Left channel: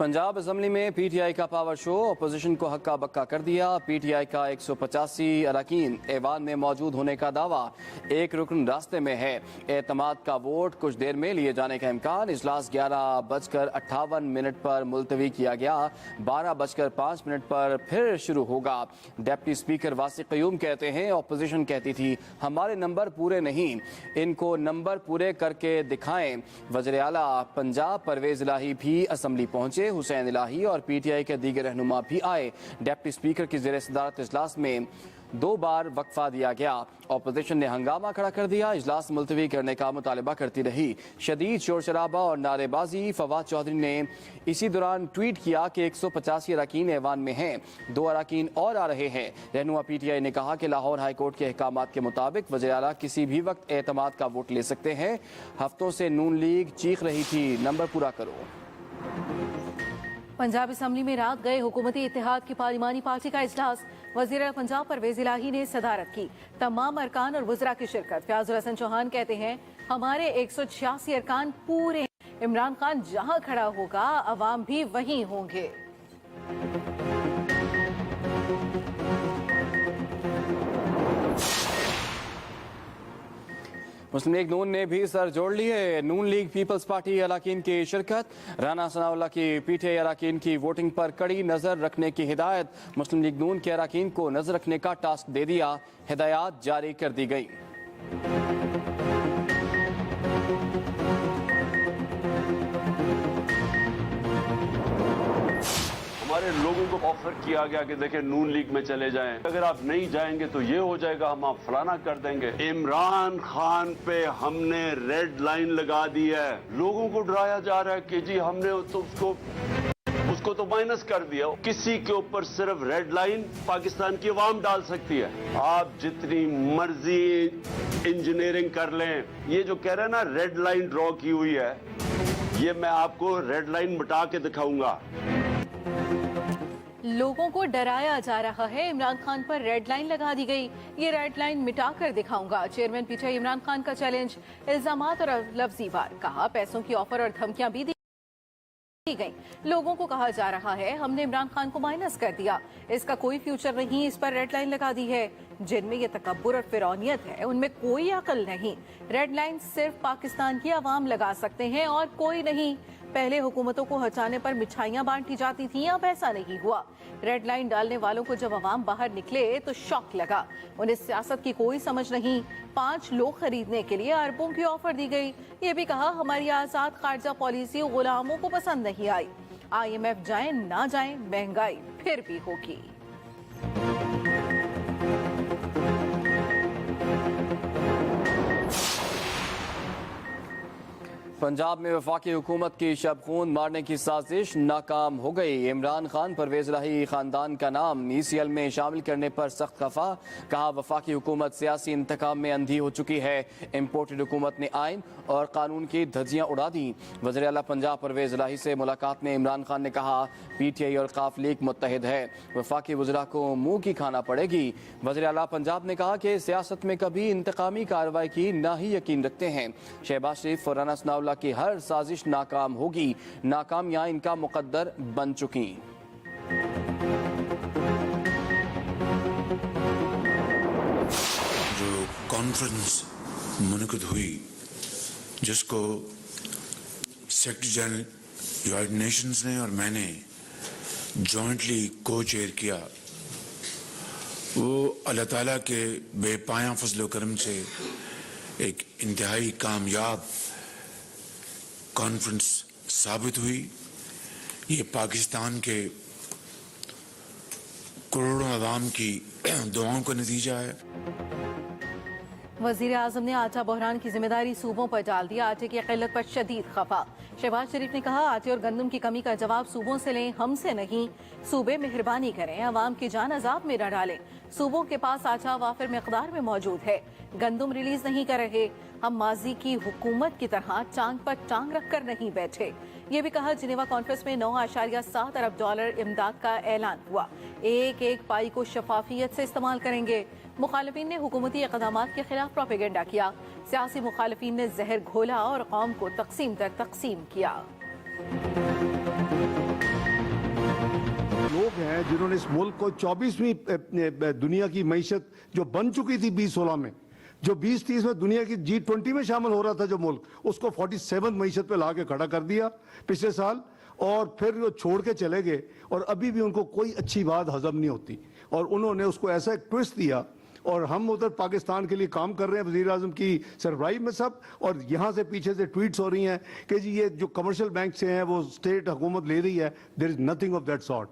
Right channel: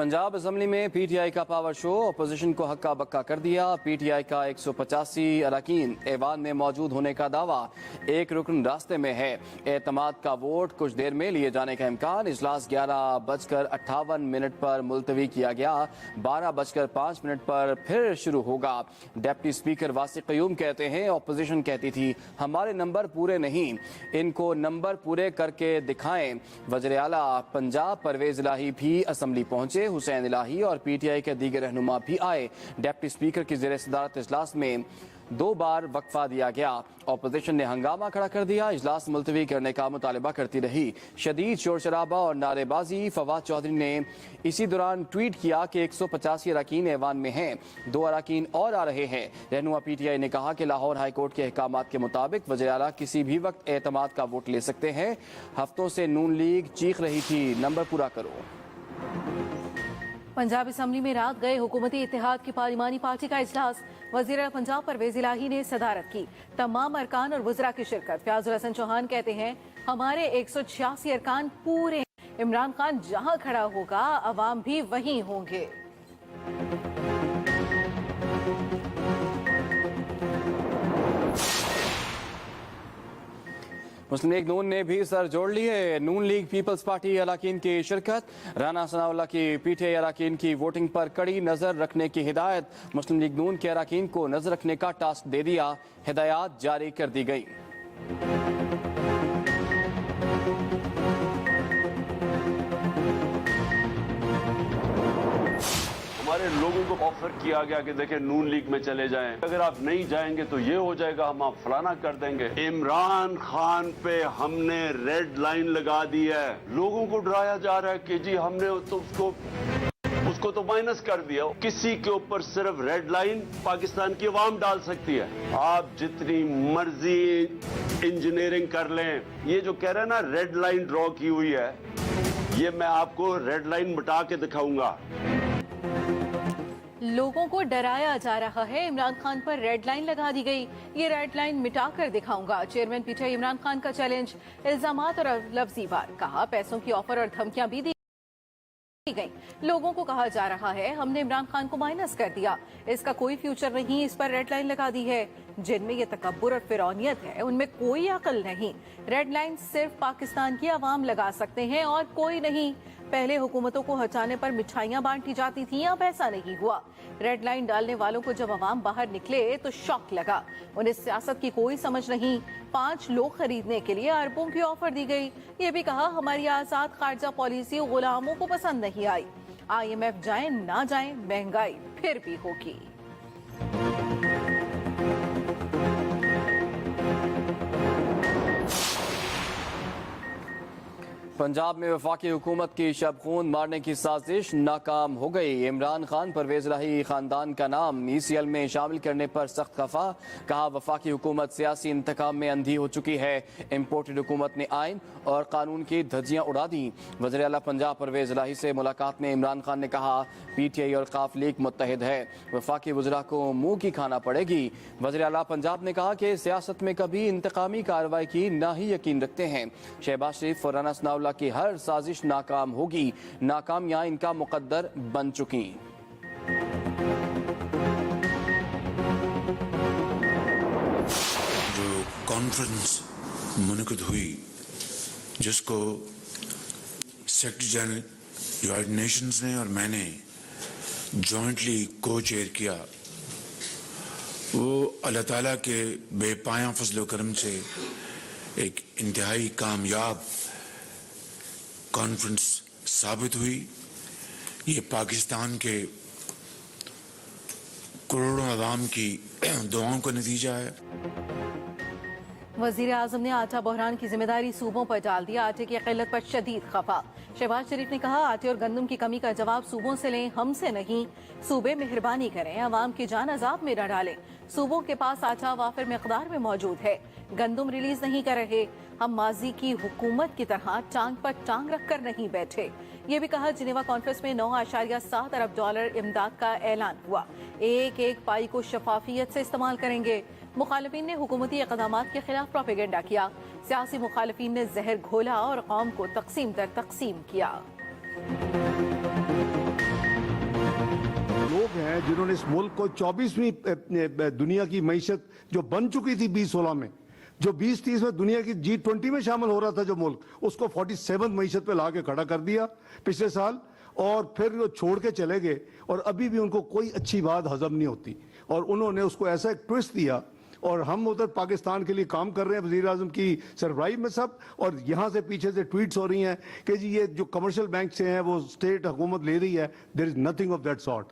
Punjab assembly में PTI का power show, opposition को हक्का बक्का कर दिया। पीटीआई का 185 अरकान ऐवान में मौजूद होने का दावा, एक रुकन रास्ते में है। एतमाद का वोट कुछ देर में लिए जाने का इम्कान। इजलास 11:58 पर मुलतवी किया गया। 12:05 पर फिर शुरू होगा। डिप्टी स्पीकर वासिक क़य्यूम कहते हैं, अपोजिशन कहती थी हमारे नंबर पूरे नहीं, इनको नंबर पूरे करके दिखाएं। वज़ीर आला पंजाब परवेज इलाही भी असम्बली पहुंचे। हुसैन इलाही और पीटीआई के दीगर रहनुमा भी आए। डिप्टी स्पीकर की ज़ेर सदारत इजलास में 2 बार वक्फा दिया गया। अपोजिशन ने हंगामा खड़ा कर दिया। इजलास मुलतवी करने का मुतालबा करती रही। शदीद शोर शराबा और नारेबाजी। फवाद चौधरी ने इसी दौरान ट्वीट किया कि 185 अरकान ऐवान में हैं, 2 अरकान और आ रहे हैं। रहनुमा पीटीआई ने कहा कि लाहौर हाई कोर्ट के अहकामात के मुताबिक वज़ीर आला किसी भी वक्त एतमाद का वोट ले सकते हैं। हफ्तों से नून लीग चीख रही थी नंबर पूरा करो। पंजाब असम्बली में रात गए हुकूमती इत्तेहाद की पार्लिमानी पार्टी का इजलास, वज़ीर आला पंजाब परवेज इलाही ने सदारत की। तमाम अरकान और वज़रा की शिरकत। फयाजुल हसन चौहान कहते हैं हमारे 186 अरकान पूरे। इमरान खान जहां खड़ा होगा अवाम भी वहीं होंगे। मुस्लिम लीग नून ने भी सर जोड़ लिए। नून लीग पीपल्स पार्टी अरकान की शिरकत। राना सनाउल्लाह की पीटीआई अरकान की वोटिंग पर कड़ी नजर रखने की हिदायत। मुस्लिम लीग नून के अरकान को नजर रखने का टास्क दे दिया। हिदायत जारी कर दी गई। हमारे लोगों को ऑफर किया गया कि देखें नून लीग में चले जाएं, अगर आप नहीं जाएंगे तो ये हो जाएगा, हम आप फलाना कर देंगे। इमरान खान पे हमने रेड लाइन लगा दी है। लोगों को डराया जा रहा है कि जी हमने उसको तो माइनस कर दिया। किसी के ऊपर सिर्फ रेड लाइन पाकिस्तान की अवाम डाल सकती है। आप जितनी मर्जी इंजीनियरिंग कर लें, ये जो कह रहे हैं ना रेड लाइन ड्रॉ की हुई है, ये मैं आपको रेड लाइन मिटा के दिखाऊंगा। लोगों को डराया जा रहा है, इमरान खान पर रेड लाइन लगा दी गई, ये रेड लाइन मिटा कर दिखाऊंगा। चेयरमैन पीटीआई इमरान खान का चैलेंज, इल्जामात और लफ्जी वार। कहा पैसों की ऑफर और धमकियां भी दी गई। लोगों को कहा जा रहा है हमने इमरान खान को माइनस कर दिया, इसका कोई फ्यूचर नहीं, इस पर रेड लाइन लगा दी है। जिनमें ये तकब्बुर और फिरौनियत है उनमें कोई अकल नहीं। रेड लाइन सिर्फ पाकिस्तान की आवाम लगा सकते हैं और कोई नहीं। पहले हुकूमतों को हटाने पर मिठाइयां बांटी जाती थी, अब ऐसा नहीं हुआ। रेड लाइन डालने वालों को जब अवाम बाहर निकले तो शौक लगा। उन्हें सियासत की कोई समझ नहीं। 5 लोग खरीदने के लिए अरबों की ऑफर दी गई। ये भी कहा हमारी आजाद खारजा पॉलिसी गुलामों को पसंद नहीं आई। IMF जाए ना जाए महंगाई फिर भी होगी। पंजाब में वफाकी हुकूमत की शब खून मारने की साजिश नाकाम हो गई। इमरान खान परवेज इलाही खानदान का नाम ECL में शामिल करने पर सख्त खफा। कहा वफाकी हुकूमत सियासी इंतकाम में अंधी हो चुकी है। इम्पोर्टेड हुकूमत ने आइन और कानून की धज्जियां उड़ा दी। वज़ीर आला पंजाब परवेज इलाही से मुलाकात में इमरान खान ने कहा पीटीआई और काफ लीग मुत्तहिद है, वफाकी वज़रा को मुंह की खाना पड़ेगी। वज़ीर आला पंजाब ने कहा कि सियासत में कभी इंतकामी कार्रवाई की ना ही यकीन रखते हैं। शहबाज शरीफ और राना सनाउल्लाह की हर साजिश नाकाम होगी। नाकामियां इनका मुकद्दर बन चुकी। जो कॉन्फ्रेंस मुनक़िद हुई, जिसको सेक्रेटरी जनरल यूनाइटेड नेशंस ने और मैंने जॉइंटली को चेयर किया, वो अल्लाह ताला के बेपाया फज़ल व करम से एक इंतहाई कामयाब कॉन्फ्रेंस साबित हुई। ये पाकिस्तान के करोड़ों अवाम की दुआओं का नतीजा है। वज़ीर आज़म ने आटा बहरान की जिम्मेदारी सूबों पर डाल दिया। आटे की किल्लत पर शदीद खफा। शहबाज शरीफ ने कहा आटे और गंदम की कमी का जवाब सूबों से लें, हमसे नहीं। सूबे मेहरबानी करें, अवाम की जान अजाब में न डालें। सूबों के पास आटा वाफिर मिकदार में मौजूद है, गंदम रिलीज नहीं कर रहे। हम माजी की हुकूमत की तरह टांग पर टांग रख कर नहीं बैठे। ये भी कहा जिनेवा कॉन्फ्रेंस में $9.7 अरब इमदाद का ऐलान हुआ। एक एक पाई को शफाफियत से इस्तेमाल करेंगे। मुखालिफिन ने हुकूमती इक़दामात के खिलाफ प्रोपेगेंडा किया। सियासी मुखालिफिन ने जहर घोला और कौम को तकसीम दर तकसीम किया। हैं जिन्होंने इस मुल्क को 24वीं दुनिया की मईशत जो बन चुकी थी 2016 में, जो 2030 में दुनिया की G20 में शामिल हो रहा था जो मुल्क, उसको 47 मईशत पे ला के खड़ा कर दिया पिछले साल, और फिर वो छोड़ के चले गए और अभी भी उनको कोई अच्छी बात हजम नहीं होती और उन्होंने उसको ऐसा एक ट्विस्ट दिया। और हम उधर पाकिस्तान के लिए काम कर रहे हैं, वज़ीर आज़म की सरबराही में सब, और यहाँ से पीछे से ट्वीट्स हो रही हैं कि जी ये जो कमर्शियल बैंक से है वो स्टेट हुकूमत ले रही है। There is nothing of that sort.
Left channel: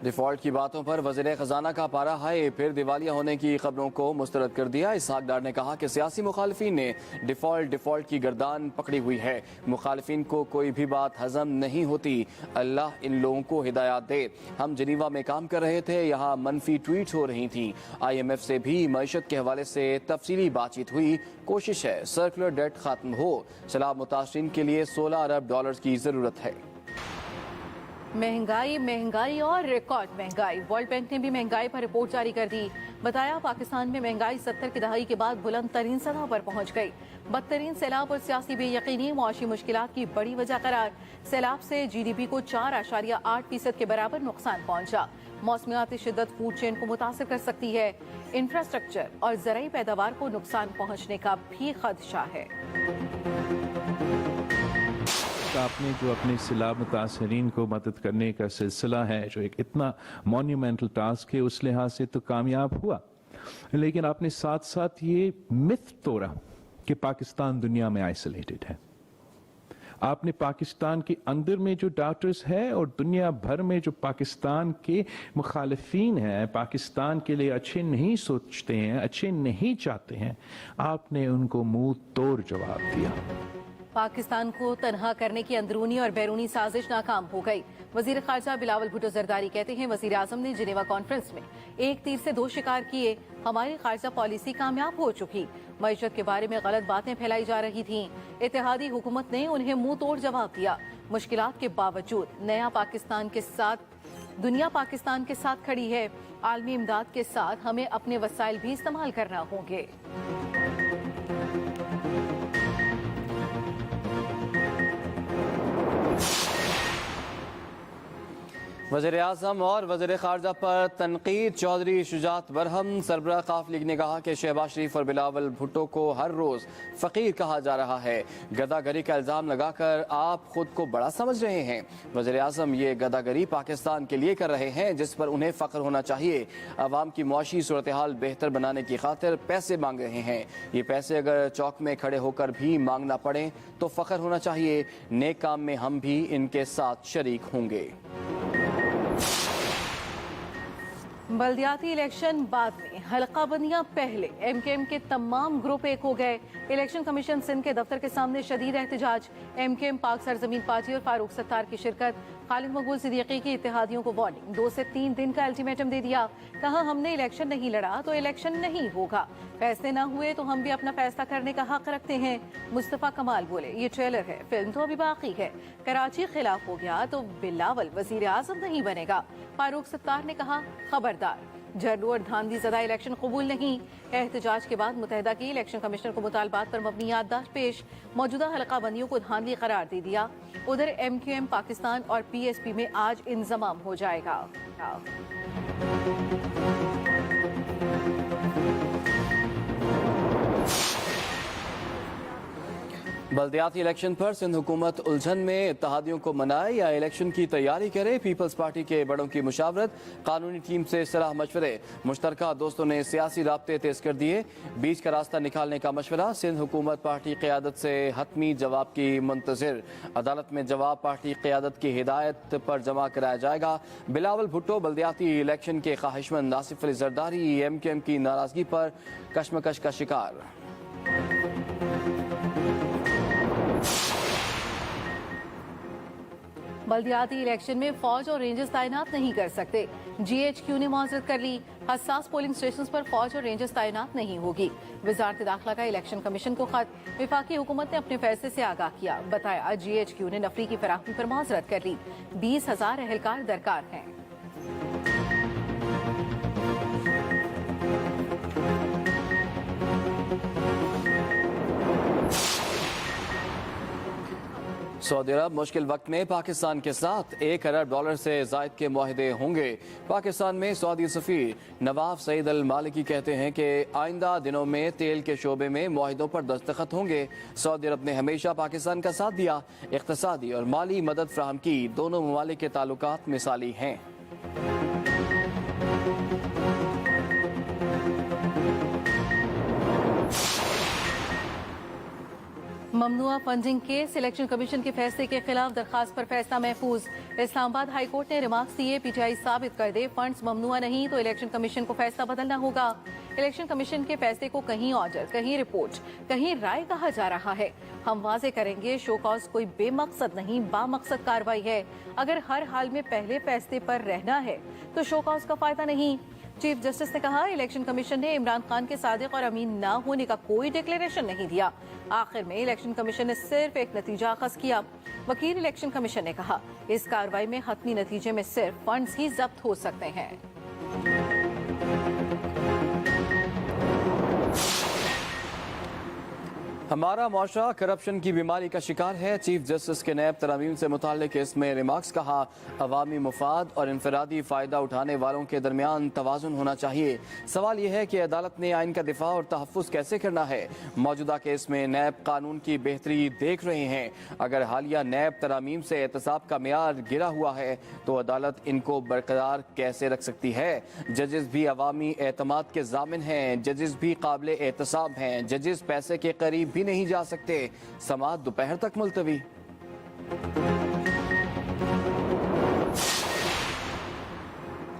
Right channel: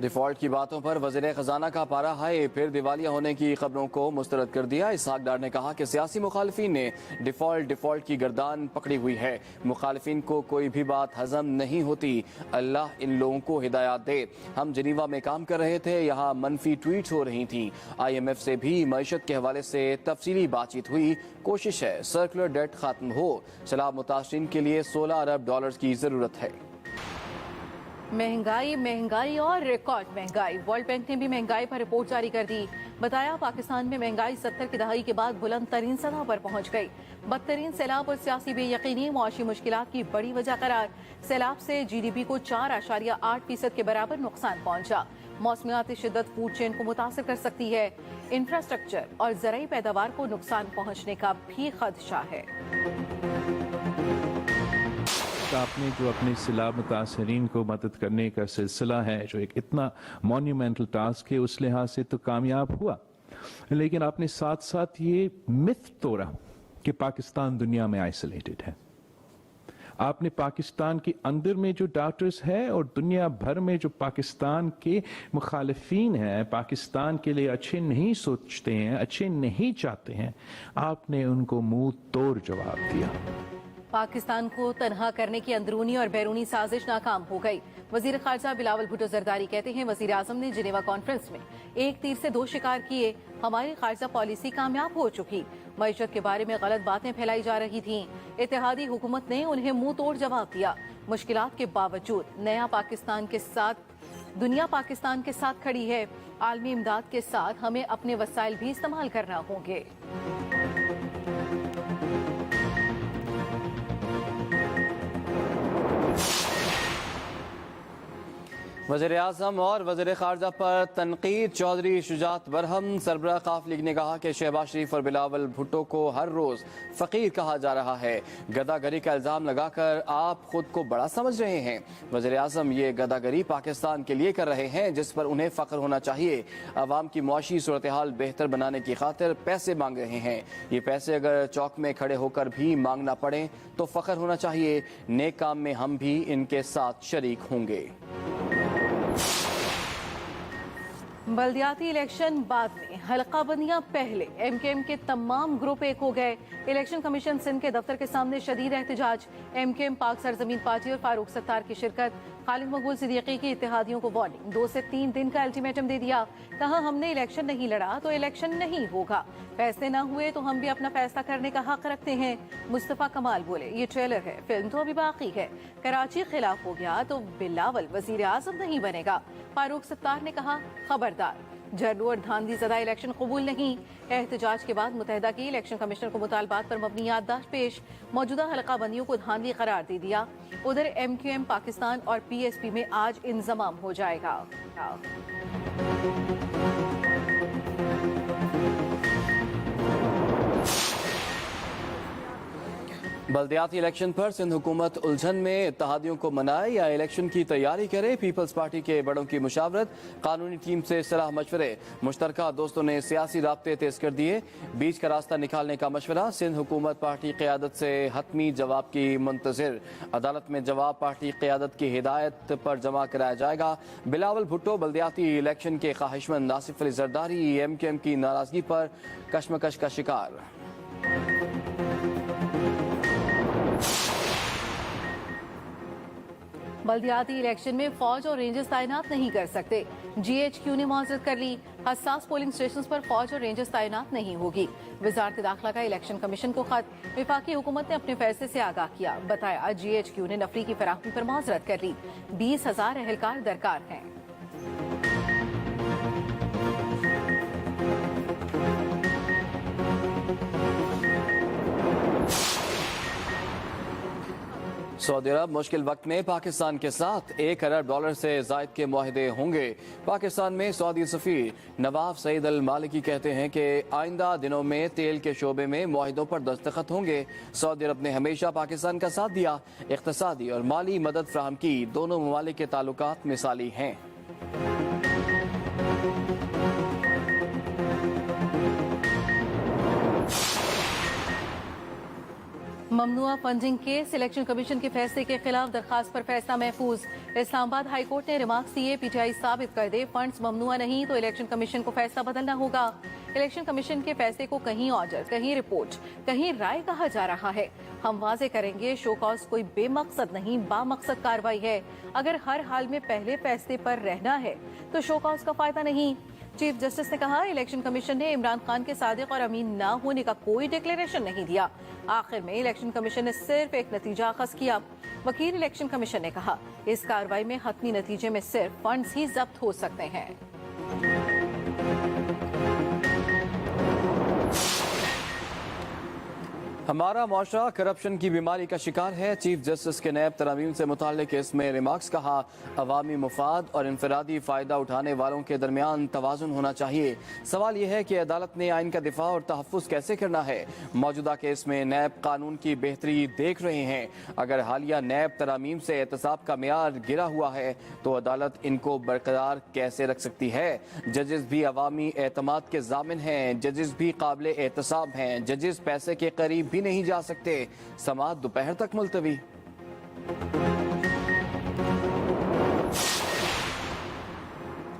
Default की बातों पर वज़ीर खजाना का पारा हाई, फिर दिवालिया होने की खबरों को मुस्तरद कर दिया। इसहाक डार ने कहा कि सियासी मुखालिफिन ने डिफॉल्ट की गर्दान पकड़ी हुई है। मुखालिफिन को कोई भी बात हजम नहीं होती। अल्लाह इन लोगों को हिदायत दे। हम जिनीवा में काम कर रहे थे, यहाँ मनफी ट्वीट्स हो रही थी। IMF से भी मईशत के हवाले से तफसीली बातचीत हुई। कोशिश है सर्कुलर डेट खत्म हो। सैलाब मुतासरीन के लिए $16 अरब की जरूरत है। महंगाई और रिकॉर्ड महंगाई। वर्ल्ड बैंक ने भी महंगाई पर रिपोर्ट जारी कर दी। बताया पाकिस्तान में महंगाई 70 की दहाई के बाद बुलंद तरीन सतह पर पहुंच गई। बदतरीन सैलाब और सियासी बेयकीनी मुआशी मुश्किलात की बड़ी वजह करार। सैलाब से GDP को 4.8% के बराबर नुकसान पहुंचा। मौसमियाती शिद्दत फूड चेन को मुतासर कर सकती है। इंफ्रास्ट्रक्चर और ज़राई पैदावार को नुकसान पहुंचने का भी खदशा है। आपने जो अपने सैलाब मुतासरीन को मदद करने का सिलसिला है, जो एक इतना मॉन्यूमेंटल टास्क है, उस लिहाज से तो कामयाब हुआ, लेकिन आपने साथ साथ ये मिथ तोड़ा कि पाकिस्तान दुनिया में आइसोलेटेड है। आपने पाकिस्तान के अंदर में जो डॉक्टर्स हैं और दुनिया भर में जो पाकिस्तान के मुखालिफिन हैं, पाकिस्तान के लिए अच्छे नहीं सोचते हैं, अच्छे नहीं चाहते हैं, आपने उनको मुंह तोड़ जवाब दिया। पाकिस्तान को तनहा करने की अंदरूनी और बैरूनी साजिश नाकाम हो गई। वजीर खारजा बिलावल भुट्टो जरदारी कहते हैं, वजीर आजम ने जिनेवा कॉन्फ्रेंस में एक तीर से दो शिकार किए। हमारी खारजा पॉलिसी कामयाब हो चुकी। मईशत के बारे में गलत बातें फैलाई जा रही थीं। इत्तेहादी हुकूमत ने उन्हें मुंह तोड़ जवाब दिया। मुश्किलात के बावजूद दुनिया पाकिस्तान के साथ खड़ी है। आलमी इमदाद के साथ हमें अपने वसाइल भी इस्तेमाल करना होंगे। वज़ीर आज़म और वज़ीर खारजा पर तनकीद। चौधरी शुजात बरहम सरबराह काफ लीग ने कहा कि शहबाज शरीफ और बिलावल भुट्टो को हर रोज फकीर कहा जा रहा है। गदागरी का इल्जाम लगाकर आप खुद को बड़ा समझ रहे हैं। वज़ीर आज़म ये गदागरी पाकिस्तान के लिए कर रहे हैं, जिस पर उन्हें फख्र होना चाहिए। अवाम की मुआशी सूरत हाल बेहतर बनाने की खातिर पैसे मांग रहे हैं। ये पैसे अगर चौक में खड़े होकर भी मांगना पड़े तो फख्र होना चाहिए। नेक काम में हम भी इनके साथ शरीक होंगे। बल्दियाती इलेक्शन बाद में, हल्का बंदियां पहले। MKM के तमाम ग्रुप एक हो गए। इलेक्शन कमीशन सिंध के दफ्तर के सामने शदीद एहतजाज। MKM पाक सरजमीन पार्टी और फारूक सत्तार की शिरकत। खालिद मकबूल सिद्दीकी की इत्तेहादियों को वार्निंग। 2 से 3 दिन का अल्टीमेटम दे दिया। कहा हमने इलेक्शन नहीं लड़ा तो इलेक्शन नहीं होगा। फैसले न हुए तो हम भी अपना फैसला करने का हक रखते हैं। मुस्तफा कमाल बोले, ये ट्रेलर है, फिल्म तो अभी बाकी है। कराची खिलाफ हो गया तो बिलावल वजीर आज़म नहीं बनेगा। फारूक सत्तार ने कहा, खबरदार, झड्डू और धांधली ज़दा इलेक्शन कबूल नहीं। एहतजाज के बाद मुतहदा की इलेक्शन कमिश्नर को मुतालबात पर मबनी याददाश्त पेश। मौजूदा हल्का बंदियों को धांधली करार दे दिया। उधर MQM पाकिस्तान और PSP में आज इंजमाम हो जाएगा। बल्दियाती इलेक्शन पर सिंध हुकूमत उलझन में। इत्तेहादियों को मनाए या इलेक्शन की तैयारी करे। पीपल्स पार्टी के बड़ों की मुशावरत। कानूनी टीम से सलाह मशवरे। मुश्तरका दोस्तों ने सियासी राब्ते तेज कर दिए। बीच का रास्ता निकालने का मशवरा। सिंध हुकूमत पार्टी क़यादत से हतमी जवाब की मुंतजिर। अदालत में जवाब पार्टी क़यादत की हिदायत पर जमा कराया जाएगा। बिलावल भुट्टो बल्दियाती इलेक्शन के ख्वाहिशमंद। आसिफ अली जरदारी MKM की नाराजगी पर कशमकश का शिकार। बल्दियाती इलेक्शन में फौज और रेंजर्स तैनात नहीं कर सकते। GHQ ने माजरत कर ली। हसास पोलिंग स्टेशन पर फौज और रेंजर्स तैनात नहीं होगी। वजारत दाखिला का इलेक्शन कमीशन को खत। विफाकी हुकूमत ने अपने फैसले से आगाह किया। बताया, GHQ ने नफरी की फराहमी पर माजरत कर ली। 20,000 एहलकार दरकार हैं। सऊदी अरब मुश्किल वक्त में पाकिस्तान के साथ $1 अरब से जायद के मुआहदे होंगे। पाकिस्तान में सऊदी सफीर नवाफ सईद अल मालिकी कहते हैं कि आइंदा दिनों में तेल के शोबे में मुआहदों पर दस्तखत होंगे। सऊदी अरब ने हमेशा पाकिस्तान का साथ दिया, इक़्तिसादी और माली मदद फराहम की। दोनों ममालिक के ताल्लुकात मिसाली हैं। ममनुआ फंडिंग के इलेक्शन कमीशन के फैसले के खिलाफ दरखास्त पर फैसला महफूज। इस्लामाबाद हाई कोर्ट ने रिमार्क्स दिए, पीटीआई साबित कर दे फंड्स ममनुआ नहीं तो इलेक्शन कमीशन को फैसला बदलना होगा। इलेक्शन कमीशन के फैसले को कहीं ऑर्डर, कहीं रिपोर्ट, कहीं राय कहा जा रहा है। हम वाजे करेंगे, शो कॉज कोई बेमकसद नहीं, बामकसद कार्रवाई है। अगर हर हाल में पहले फैसले पर रहना है तो शो कॉज का फायदा नहीं। चीफ जस्टिस ने कहा, इलेक्शन कमीशन ने इमरान खान के सादिक और अमीन न होने का कोई डिक्लेरेशन नहीं दिया। आखिर में इलेक्शन कमीशन ने सिर्फ एक नतीजा अखज़ किया। वकील इलेक्शन कमीशन ने कहा, इस कार्रवाई में हतमी नतीजे में सिर्फ फंड्स ही जब्त हो सकते हैं। हमारा मुआशरा करप्शन की बीमारी का शिकार है। चीफ जस्टिस के नैब तरामीम से मुताल्लिक इसमें रिमार्क्स कहा, अवामी मुफाद और इनफरादी फ़ायदा उठाने वालों के दरमियान तवाज़ुन होना चाहिए। सवाल यह है कि अदालत ने आइन का दिफा और तहफ़्फ़ुज़ कैसे करना है। मौजूदा केस में नैब कानून की बेहतरी देख रहे हैं। अगर हालिया नैब तरामीम से एहतसाब का मेयार गिरा हुआ है तो अदालत इनको बरकरार कैसे रख सकती है। जजेस भी अवामी एतमाद के ज़ामिन हैं, जजेस भी काबिल एहतसाब हैं, जजेस पैसे के करीब भी नहीं जा सकते। समाअत दोपहर तक मुलतवी।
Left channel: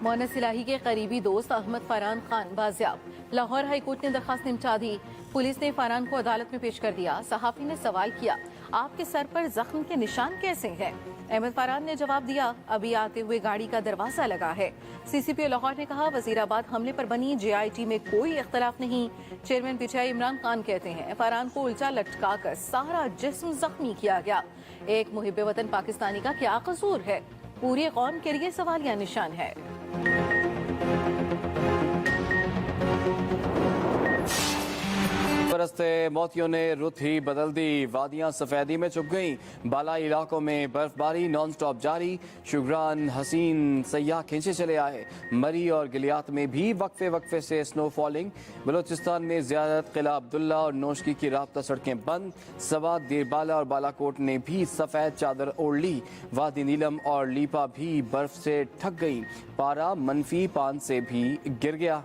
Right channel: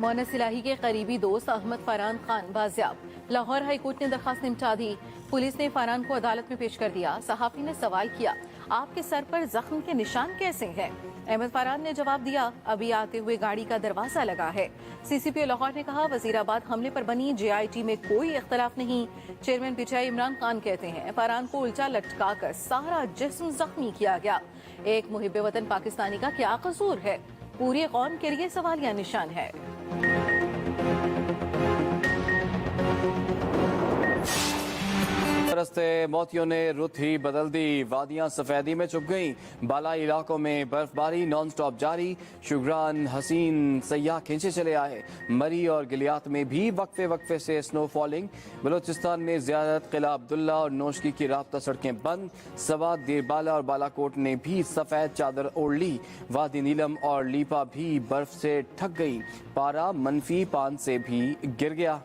मोनस इलाही के करीबी दोस्त अहमद फरहान खान बाजियाब। लाहौर हाई कोर्ट ने दरखास्त निपटा दी। पुलिस ने फरहान को अदालत में पेश कर दिया। सहाफी ने सवाल किया, आपके सर पर जख्म के निशान कैसे हैं? अहमद फरहान ने जवाब दिया, अभी आते हुए गाड़ी का दरवाजा लगा है। सीसीपी लाहौर ने कहा, वजीराबाद हमले पर बनी JIT में कोई इख्तलाफ नहीं। चेयरमैन पीटीआई इमरान खान कहते हैं, फरहान को उल्टा लटका कर सारा जिस्म जख्मी किया गया। एक मुहिब्बे वतन पाकिस्तानी का क्या कसूर है? पूरी कौम के लिए सवालिया निशान है। मोतियों ने रुत ही बदल दी, वादियां सफेदी में छुप गई। बालाई इलाकों में बर्फबारी नॉन स्टॉप जारी। शुगरान हसीन सयाह खींचे चले आए। मरी और गिलियात में भी वक्फे वक्फे से स्नो फॉलिंग। बलोचिस्तान में ज़ियारत, किला अब्दुल्ला और नौशकी की राब्ता सड़कें बंद। सवात, दीरबाला और बालाकोट ने भी सफेद चादर ओढ़ ली। वादी नीलम और लीपा भी बर्फ से ठग गई। पारा -5 से भी गिर गया।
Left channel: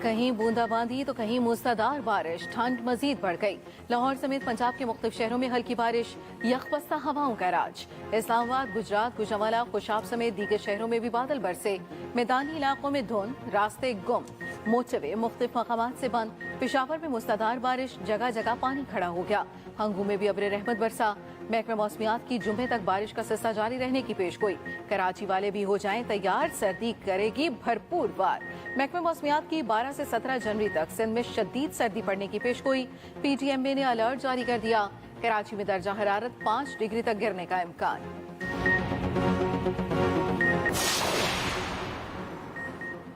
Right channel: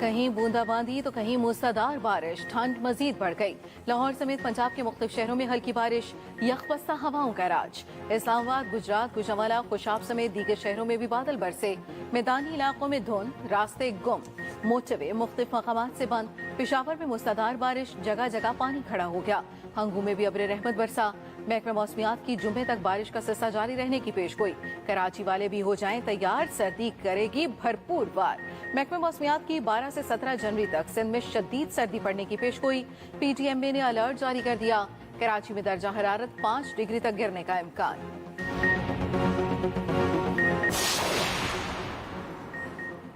कहीं बूंदाबांदी तो कहीं मूसलाधार बारिश। ठंड मजीद बढ़ गई। लाहौर समेत पंजाब के मुख्तलिफ शहरों में हल्की बारिश, यकबस्ता हवाओं का राज। इस्लामाबाद, गुजरात, गुजरावाला, खुशाब समेत दीगर शहरों में भी बादल बरसे। मैदानी इलाकों में धुंध, रास्ते गुम, मोटरवे मुख्तलिफ मकामात से बंद। पेशावर में मूसलाधार बारिश, जगह जगह पानी खड़ा हो गया। हंगू में भी अब्र रहमत बरसा। महकमा मौसमियात की जुमे तक बारिश का सिलसिला जारी रहने की पेशगोई। कराची वाले भी हो जाएं तैयार, सर्दी करेगी भरपूर वार। महकमा मौसमियात की 12 से 17 जनवरी तक सिंध में शदीद सर्दी पड़ने की पेशगोई। PTMA ने अलर्ट जारी कर दिया। कराची में दर्जा हरारत 5 डिग्री तक गिरने का इम्कान।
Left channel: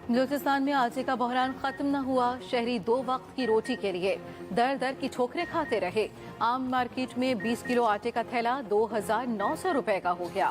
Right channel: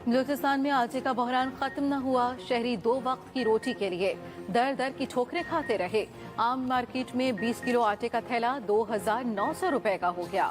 बलूचिस्तान में आटे का बहरान खत्म न हुआ। शहरी 2 वक्त की रोटी के लिए दर दर की ठोकरें खाते रहे। आम मार्केट में 20 किलो आटे का थैला 2,900 रुपए का हो गया।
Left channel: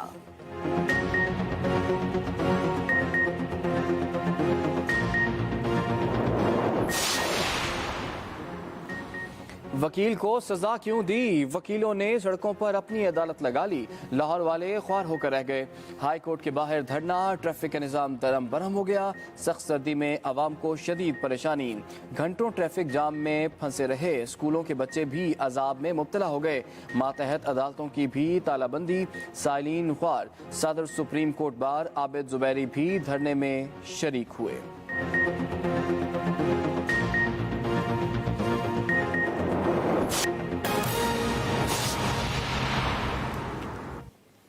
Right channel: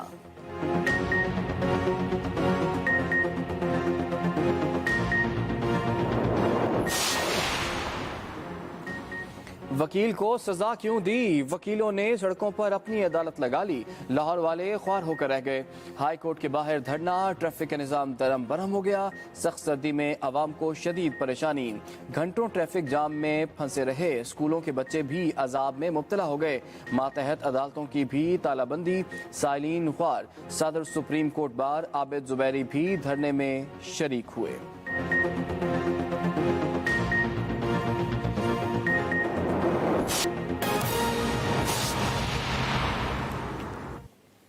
वकील को सजा क्यों दी? वकीलों ने सड़कों पर अपनी अदालत लगा ली। लाहौर वाले ख्वार होकर रह गए। हाई कोर्ट के बाहर धरना, ट्रैफिक का निजाम दरम बरम हो गया। सख्त सर्दी में आवाम को शदीद परेशानी। घंटों ट्रैफिक जाम में फंसे रहे। स्कूलों के बच्चे भी अजाब में मुब्तला हो गए। मातहत अदालतों की भी तालाबंदी। साइलिन ख्वार। सदर supreme court bar Abid Zubairi भी धरने में शरीक हुए।